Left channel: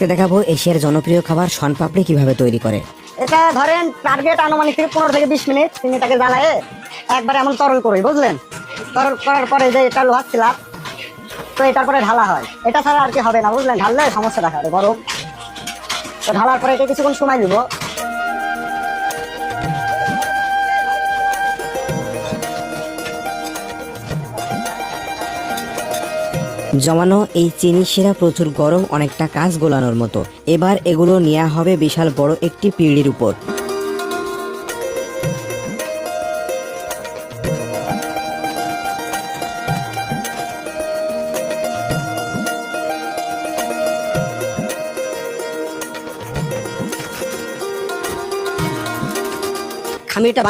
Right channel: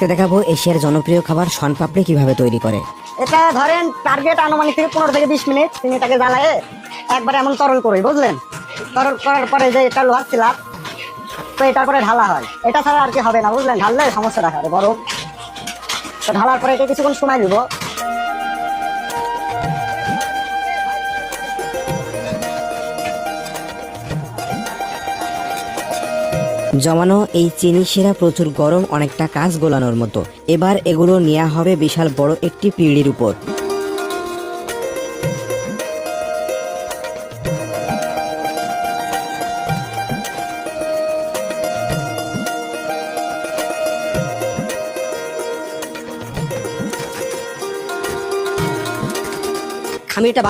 আজকে দেখাবো এশিয়ার জনপ্রিয় খাবার শনপাপড়ি কিভাবে তৈরি করে। এটা ধরেন টার্গেট আনুমানিক থেকে 15 থেকে 20 মিনিট তিনি তাকে বানায় একবারে এমন তরল করে, বুঝলেন? তরল করার পরে যে এটা ভাবছিলাম তো এটা করে ঢালা হয়, এটা ছাড়া আর কি হবে না, বুঝলেন? ঢাললে সমস্যা দেখা যাবে। গরম ঢালার পরে এটা কিছুক্ষণ সময় দেবো। জমানো এই চিনি শিরা প্রচুর গরম, অনেকটা কাঁচ গোলানোর মতো। এবার এগুলো নেওয়া হবে বিশাল বড় একটি পিঁড়ির উপর। খামিরটা